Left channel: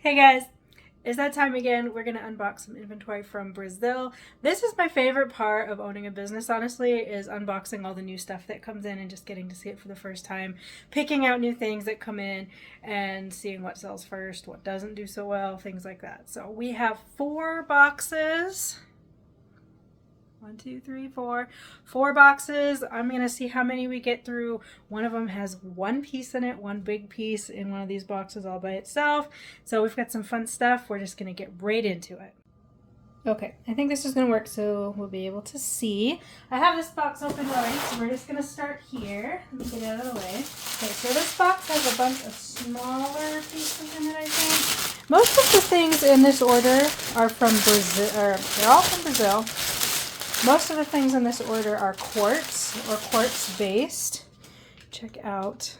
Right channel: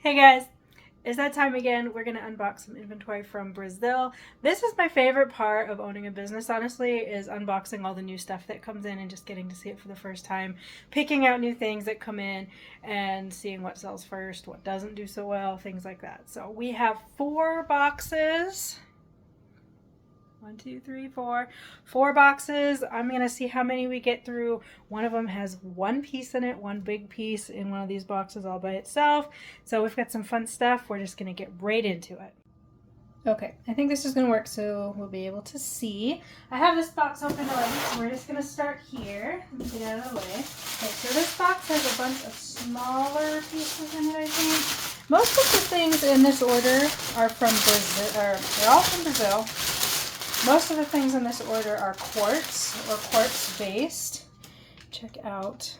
Hey guys, it's that time again. We're gonna unbox some inventory from Brazil. This is my favorite part of owning a business, honestly, is unboxing all the new stuff that comes in and just getting to see it for the first time, picking out new things that come in and seeing what sells first, what doesn't do so well, things like that. So we have 4 boxes. 1, 2, 3, 4. 4 boxes. I'm going to see how many we get through. One of them has one piece in it, one big piece in one of these boxes all by itself. So we've got some fun stuff. We're just going to get right into it. Okay, I think this is going to work so we'll be able to see. I have this box open already, so we're just going to start here. Let me get out of the way. Okay, so this box has a bunch of smaller pieces in it, I think. Most of the things in this order are from Brazil, they're all from Brazil. Most of the things in this order are quartz or quartz based. Check out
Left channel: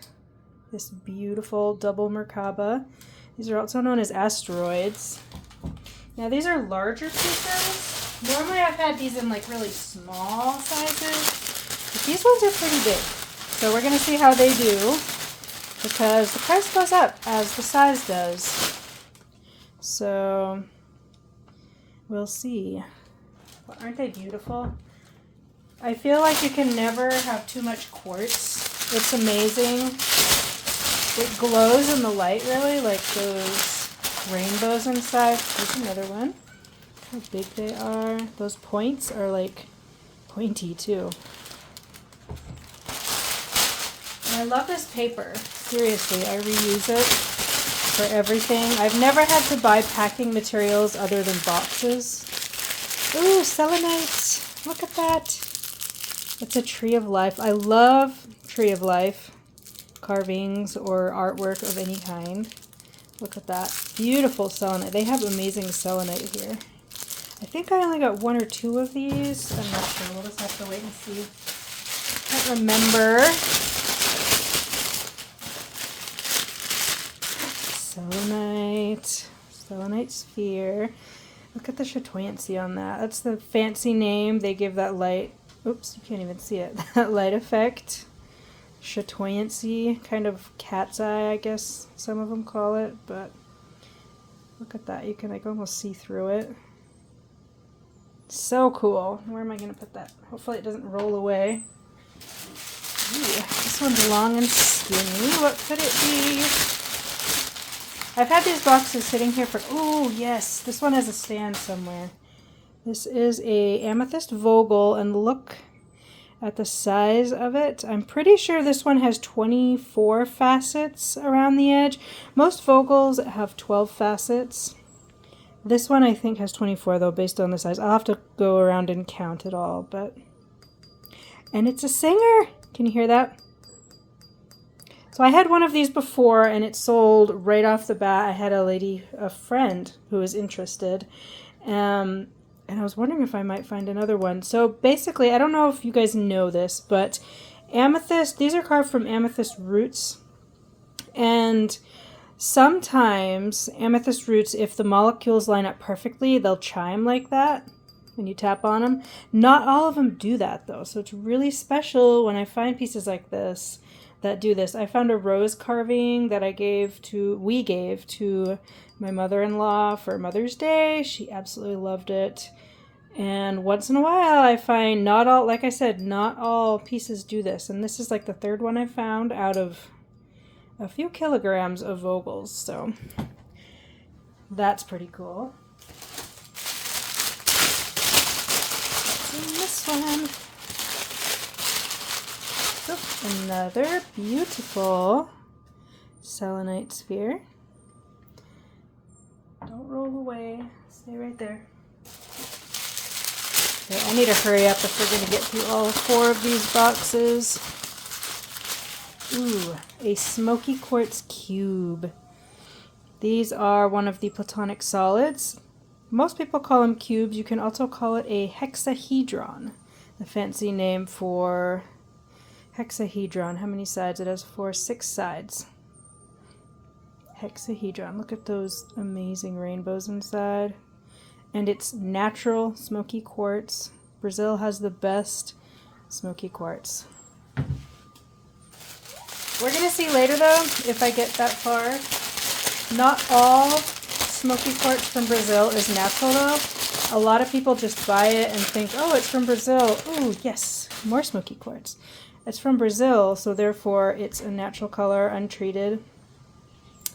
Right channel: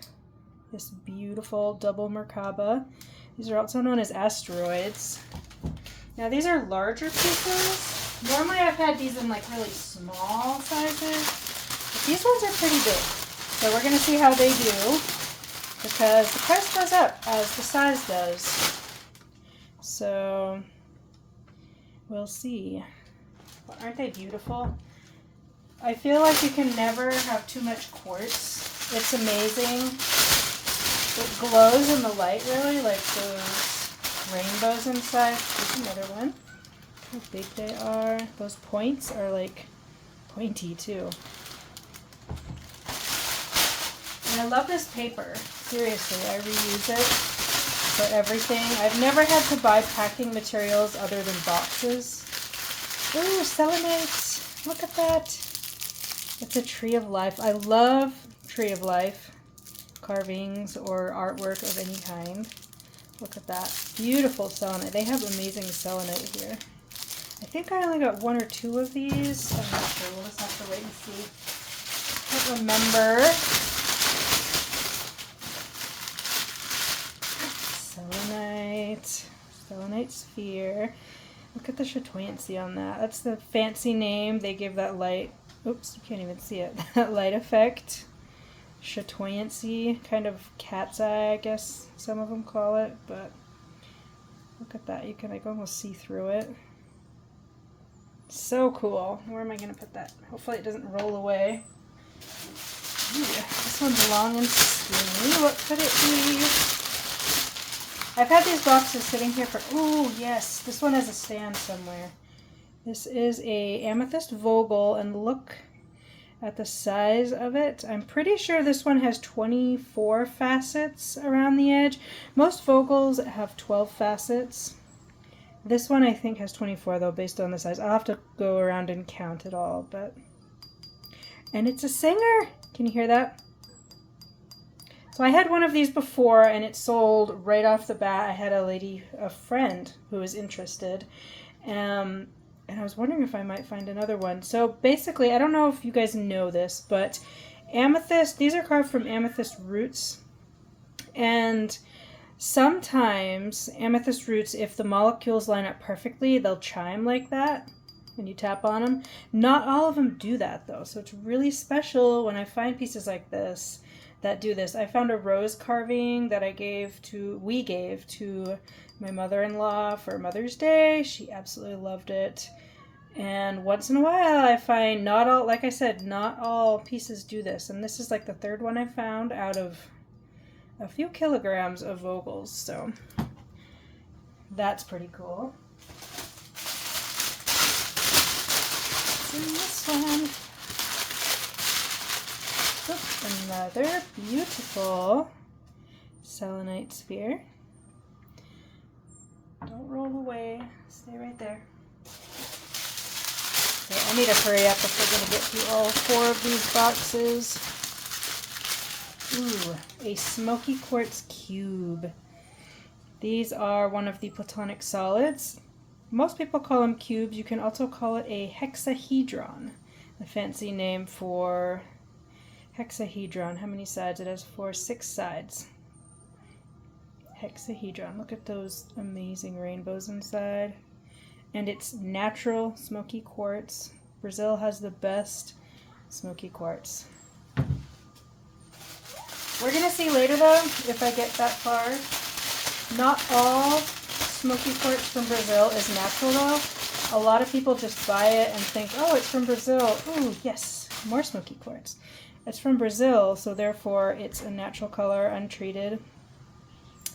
this beautiful double Merkaba. These are also known as asteroids. Now these are larger pieces. Normally I've had these in like really small sizes, but these ones are pretty big. So we're gonna see how they do because the price goes up as the size does. So we'll see. Aren't they beautiful? I feel like you can never have too much quartz. It's amazing. It glows in the light, really, like those rainbows inside. There's another one. Look how big they are. Those points are like pointy too. And I love this paper. Seriously, I reuse it for everything. I've never had to buy packing materials other than boxes. Ooh, selenite. Look at that. It's a tree of life. I love tree of life carvings or artwork of any kind. Look at that. Beautiful selenite. They have amazing selenite here. I think I only got 1 or 2 of these. I'm not sure. We'll just have to wait and see. I can't remember. Selenite. Selenite sphere. Look at the chatoyancy on that. That's the fancy name. They give that light. Oops, you can't even see it. That light effect. Chatoyancy. Kind of cat's eye, I guess some of them call it. But look at that. You can like almost see through it. So cool. Where am I going to put that? Hopefully it doesn't roll away. Ooh, this one's long and skinny. What could it be? I've had these boxes sitting here for, oh yes, this one has a stand somewhere. This is a amethyst Vogel, and look at the size of it. I'm pretty sure this one has 24 facets around the edge. Most Vogels have 12 facets. This one I think has 24 though, based on the size. I'll have to go around and count it all, but, and it's a singer. Can you hear that? So I had one of these before and it sold right off the bat. I had a friend who was interested, and I was wondering if I might find another one. So basically, I don't know if you guys know this, but amethyst, these are carved from amethyst roots. And sometimes amethyst roots, if the molecules line up perfectly, they'll chime like that when you tap on them. Not all of them do that though. So it's really special when I find pieces like this that do this. I found a rose carving that we gave to my mother-in-law for Mother's Day. She absolutely loved it. And once in a while I find not all pieces do this. And this is like the 3rd one I found out of a few kilograms of Vogels. So that's pretty cool. What's in this one? Another beautiful selenite sphere. Don't roll away. Stay right there. Okay, I need to hurry up if we're going to get through all 4 of these boxes. Ooh, a smoky quartz cube. These are one of the platonic solids. Most people call them cubes. You can also call it a hexahedron, the fancy name for hexahedron. How many sides? It has 6 sides. Hexahedron. Look at those amazing rainbows inside. And it's natural smoky quartz. Brazil has the best smoky quartz. We're going to see later, though, if I get that far. Not all smoky quartz from Brazil is natural though. A lot of people just buy it and think, oh, it's from Brazil. Ooh, yes, more smoky quartz. It's from Brazil, so therefore it's a natural color, untreated.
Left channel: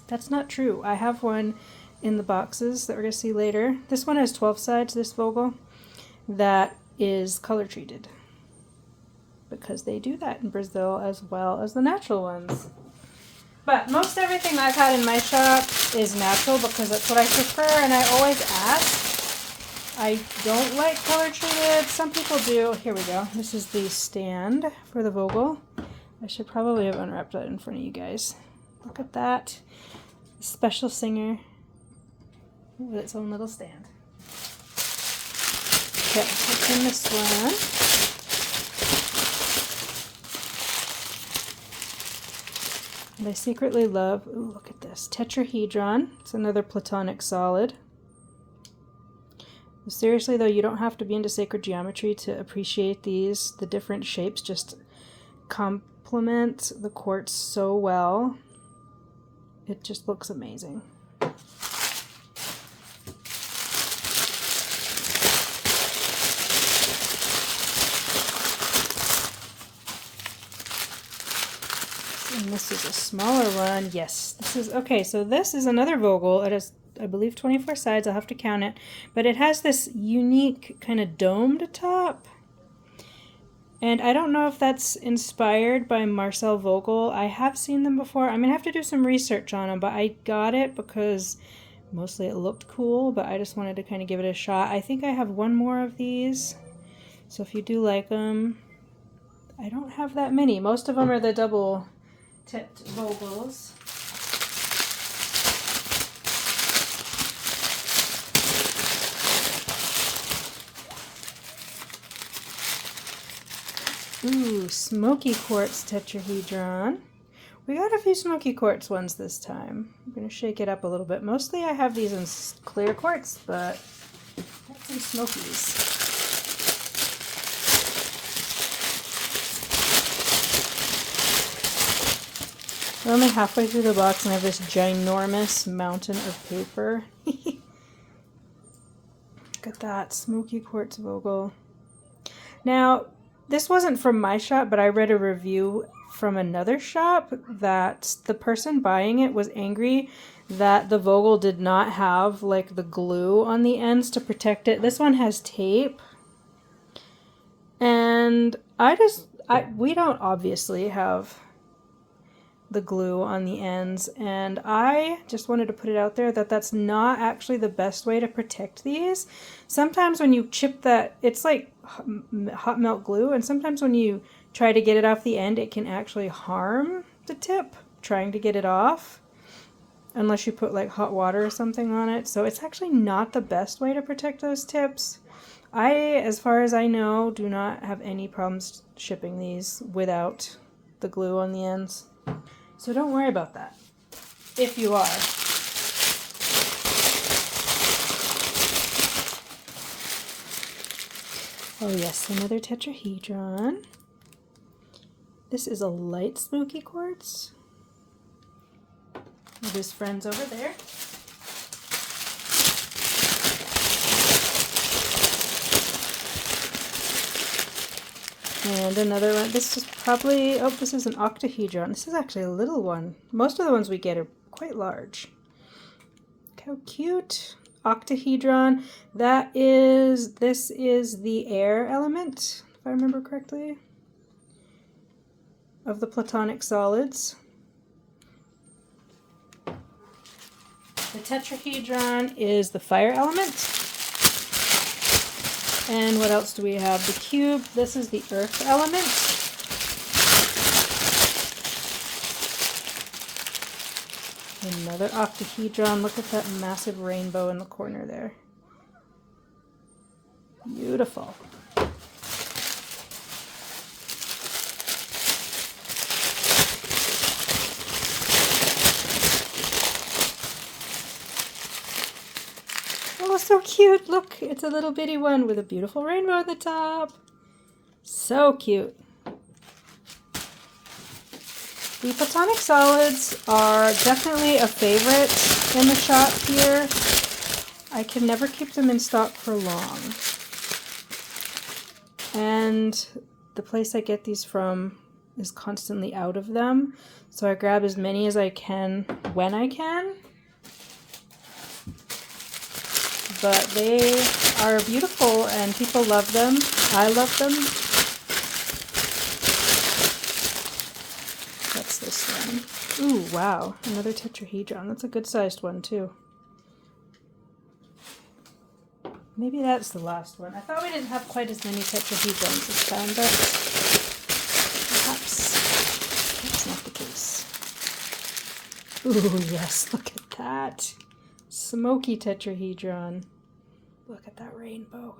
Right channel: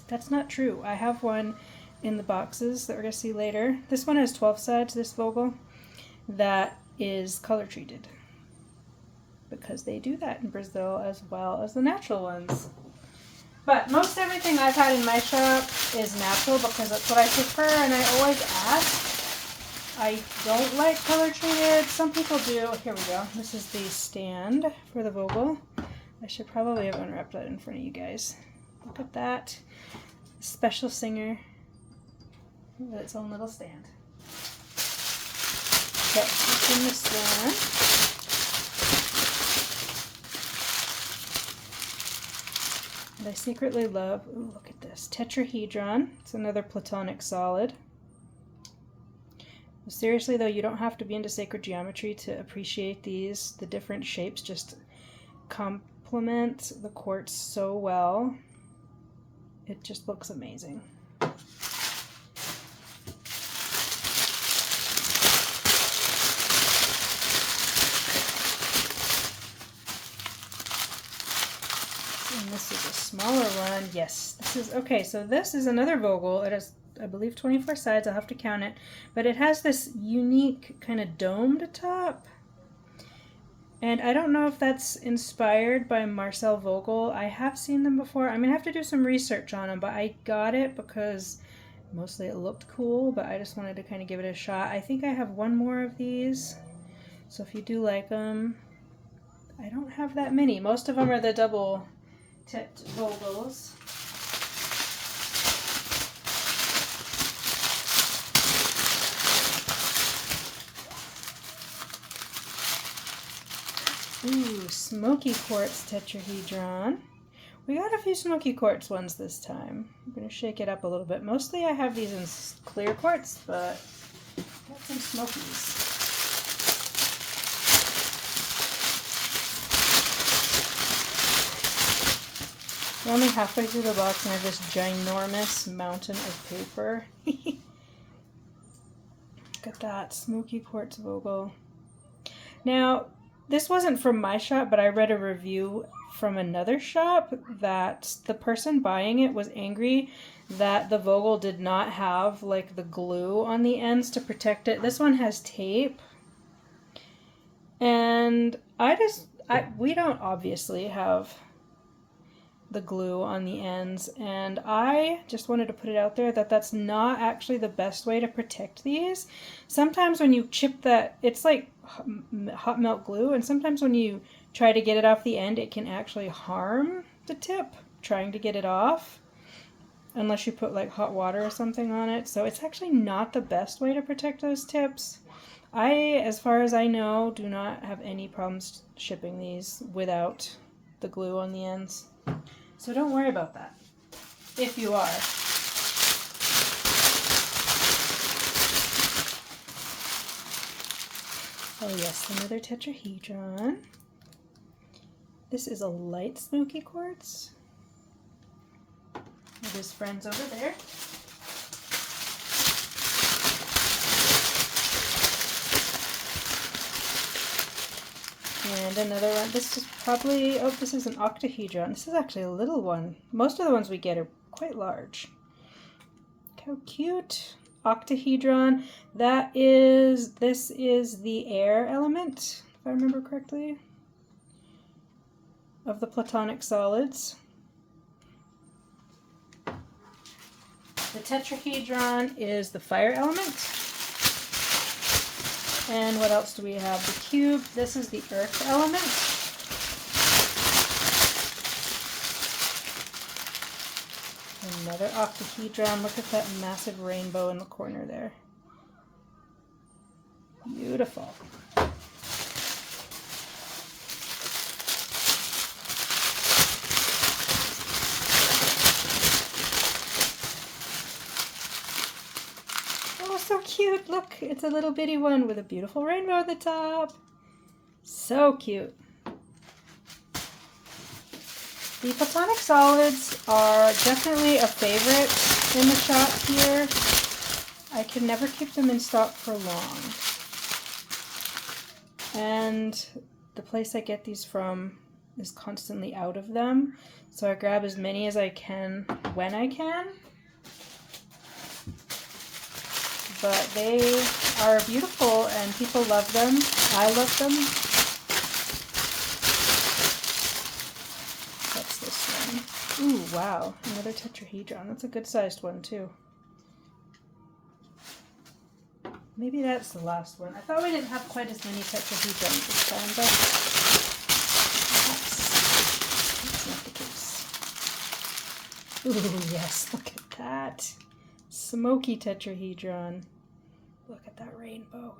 That's not true. I have one in the boxes that we're going to see later. This one has 12 sides, this Vogel, that is color treated, because they do that in Brazil as well as the natural ones. But most everything I've had in my shop is natural because that's what I prefer, and I always ask. I don't like color treated. Some people do. Here we go. This is the stand for the Vogel. I should probably have unwrapped that in front of you guys. Look at that. Special Singer with its own little stand. Okay, let's in this one. And I secretly love, ooh, look at this, tetrahedron. It's another platonic solid. Seriously though, you don't have to be into sacred geometry to appreciate these. The different shapes just complement the quartz so well. It just looks amazing. And this is a smaller one. Yes, this is okay. So this is another Vogel. It has, I believe, 24 sides. I'll have to count it, but it has this unique kind of domed top. And I don't know if that's inspired by Marcel Vogel. I have seen them before. I'm gonna have to do some research on them, but I got it because mostly it looked cool, but I just wanted to kind of give it a shot. I think I have one more of these, so if you do like them, I don't have that many. Most of them are the double tipped Vogels. Ooh, smoky quartz tetrahedron. We got a few smoky quartz ones this time. I'm going to shake it up a little bit. Mostly I have these in clear quartz, but got some smokies. We're only halfway through the box and I have this ginormous mountain of paper. Look at that, smoky quartz Vogel. Now, this wasn't from my shop, but I read a review from another shop that the person buying it was angry that the Vogel did not have like the glue on the ends to protect it. This one has tape. And we don't obviously have the glue on the ends, and I just wanted to put it out there that that's not actually the best way to protect these. Sometimes when you chip that, it's like hot melt glue, and sometimes when you try to get it off the end, it can actually harm the tip trying to get it off, unless you put like hot water or something on it. So it's actually not the best way to protect those tips. As far as I know, do not have any problems shipping these without the glue on the ends. So don't worry about that, if you are. Oh yes, another tetrahedron. This is a light smoky quartz. With his friends over there. And another one. This is probably, oh, this is an octahedron. This is actually a little one. Most of the ones we get are quite large. Look how cute. Octahedron. This is the air element, if I remember correctly, of the platonic solids. The tetrahedron is the fire element. And what else do we have? The cube. This is the earth element. Another octahedron. Look at that massive rainbow in the corner there. Beautiful. Oh, so cute. Look, it's a little bitty one with a beautiful rainbow at the top. So cute. The platonic solids are definitely a favorite in the shop here. I can never keep them in stock for long. And the place I get these from is constantly out of them. So I grab as many as I can when I can. But they are beautiful and people love them. I love them. What's this one? Ooh, wow. Another tetrahedron. That's a good sized one too. Maybe that's the last one. I thought we didn't have quite as many tetrahedrons this time, but perhaps that's not the case. Ooh, yes, look at that. Smoky tetrahedron. Look at that rainbow.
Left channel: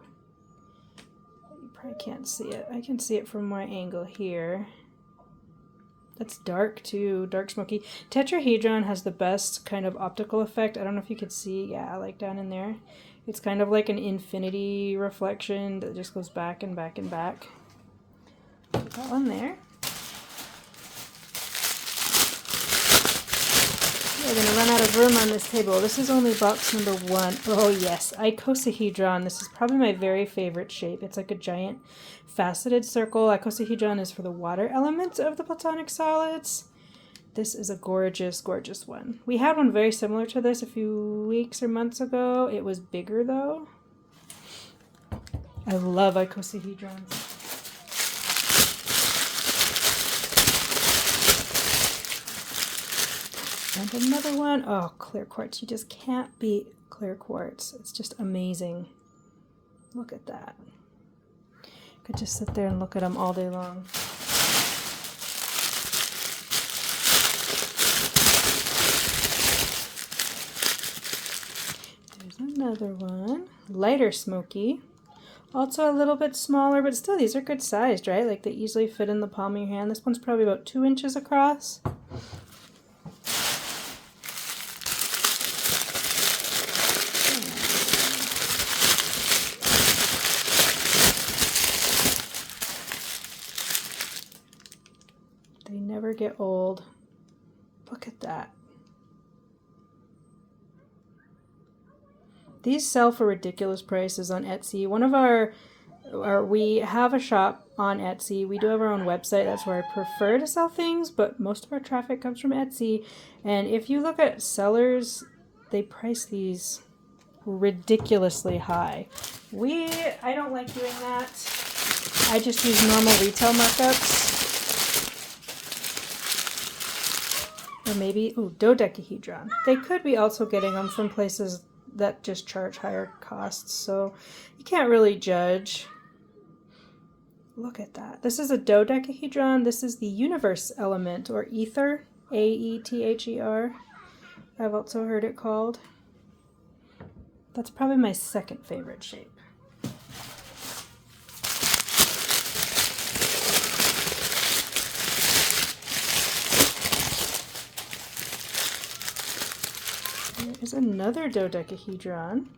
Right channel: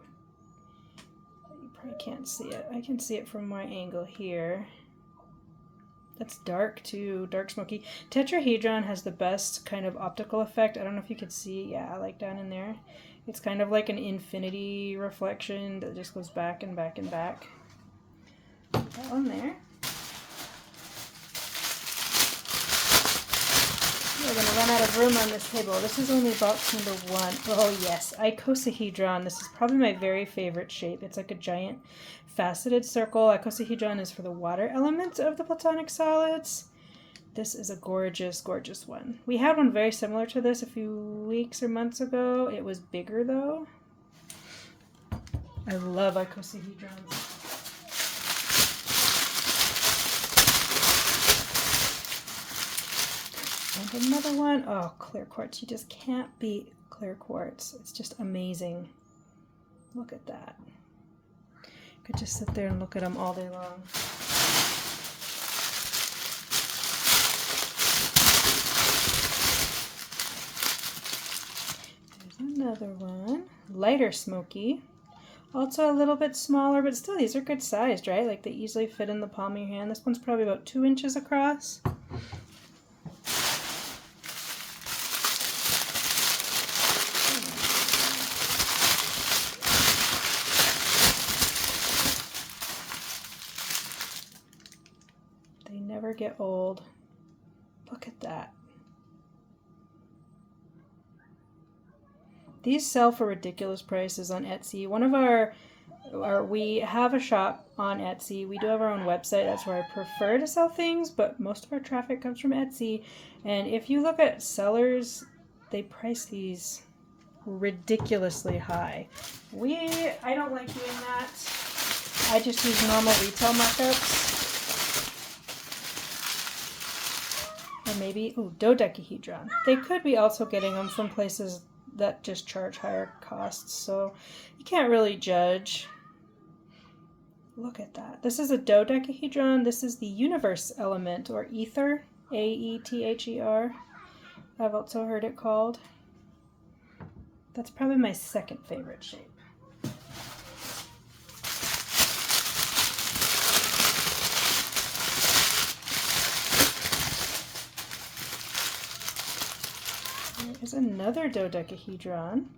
You probably can't see it. I can see it from my angle here. That's dark too, dark smoky. Tetrahedron has the best kind of optical effect. I don't know if you could see, yeah, like down in there. It's kind of like an infinity reflection that just goes back and back and back. Put that one there. We're going to run out of room on this table. This is only box number 1. Oh yes, icosahedron. This is probably my very favorite shape. It's like a giant faceted circle. Icosahedron is for the water element of the platonic solids. This is a gorgeous, gorgeous one. We had one very similar to this a few weeks or months ago. It was bigger though. I love icosahedrons. And another one. Oh, clear quartz. You just can't beat clear quartz. It's just amazing. Look at that. Could just sit there and look at them all day long. Another one, lighter smoky, also a little bit smaller, but still these are good sized, right? Like they easily fit in the palm of your hand. This one's probably about 2 inches across. They never get old. Look at that. These sell for ridiculous prices on Etsy. We have a shop on Etsy. We do have our own website. That's where I prefer to sell things, but most of our traffic comes from Etsy. And if you look at sellers, they price these ridiculously high. I don't like doing that. I just use normal retail markups. Or maybe, dodecahedron. They could be also getting them from places that just charge higher costs, so you can't really judge. Look at that. This is a dodecahedron. This is the universe element, or ether, A-E-T-H-E-R. I've also heard it called. That's probably my second favorite shape. There's another dodecahedron.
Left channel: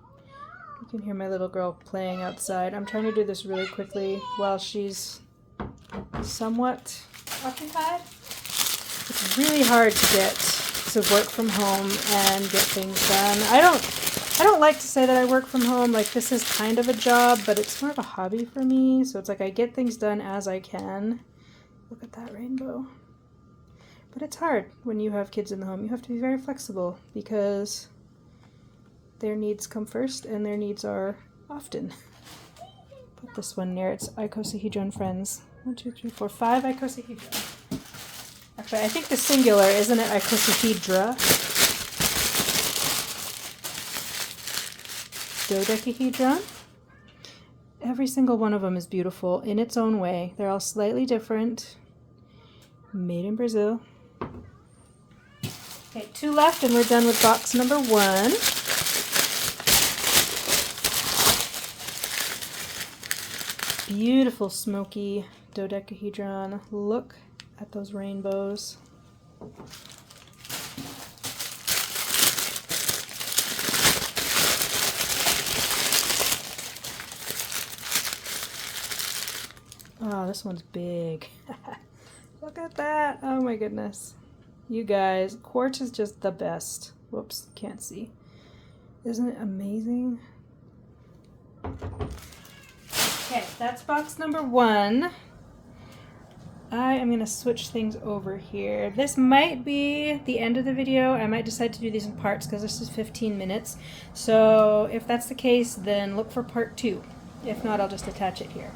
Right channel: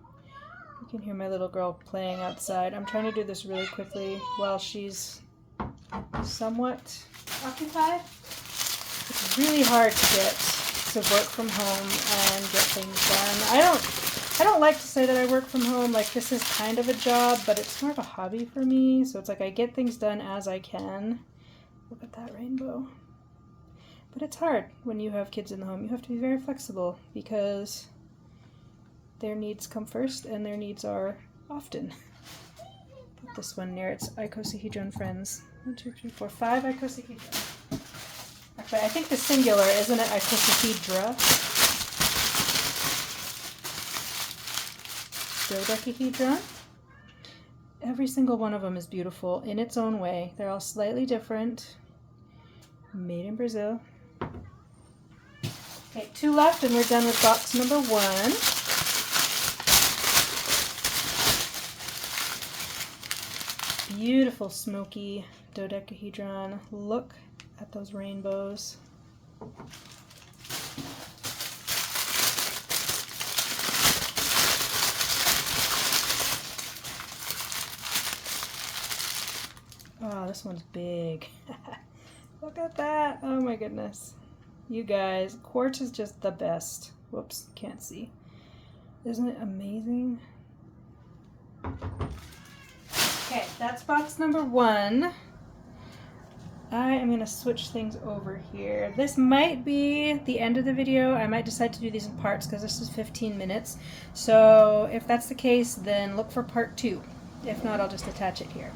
You can hear my little girl playing outside. I'm trying to do this really quickly while she's somewhat occupied. It's really hard to get to work from home and get things done. I don't like to say that I work from home. Like, this is kind of a job, but it's more of a hobby for me. So it's like I get things done as I can. Look at that rainbow. But it's hard when you have kids in the home. You have to be very flexible because their needs come first and their needs are often. Put this one near its icosahedron friends. 1, 2, 3, 4, 5 icosahedron. Actually, I think the singular, isn't it? Icosahedra. Dodecahedron. Every single one of them is beautiful in its own way. They're all slightly different. Made in Brazil. Okay, 2 left and we're done with box number 1. Beautiful smoky dodecahedron. Look at those rainbows. Oh, this one's big. Look at that. Oh my goodness. You guys, quartz is just the best. Whoops, can't see. Isn't it amazing? Okay, that's box number 1. I am going to switch things over here. This might be the end of the video. I might decide to do these in parts because this is 15 minutes. So if that's the case, then look for part 2. If not, I'll just attach it here.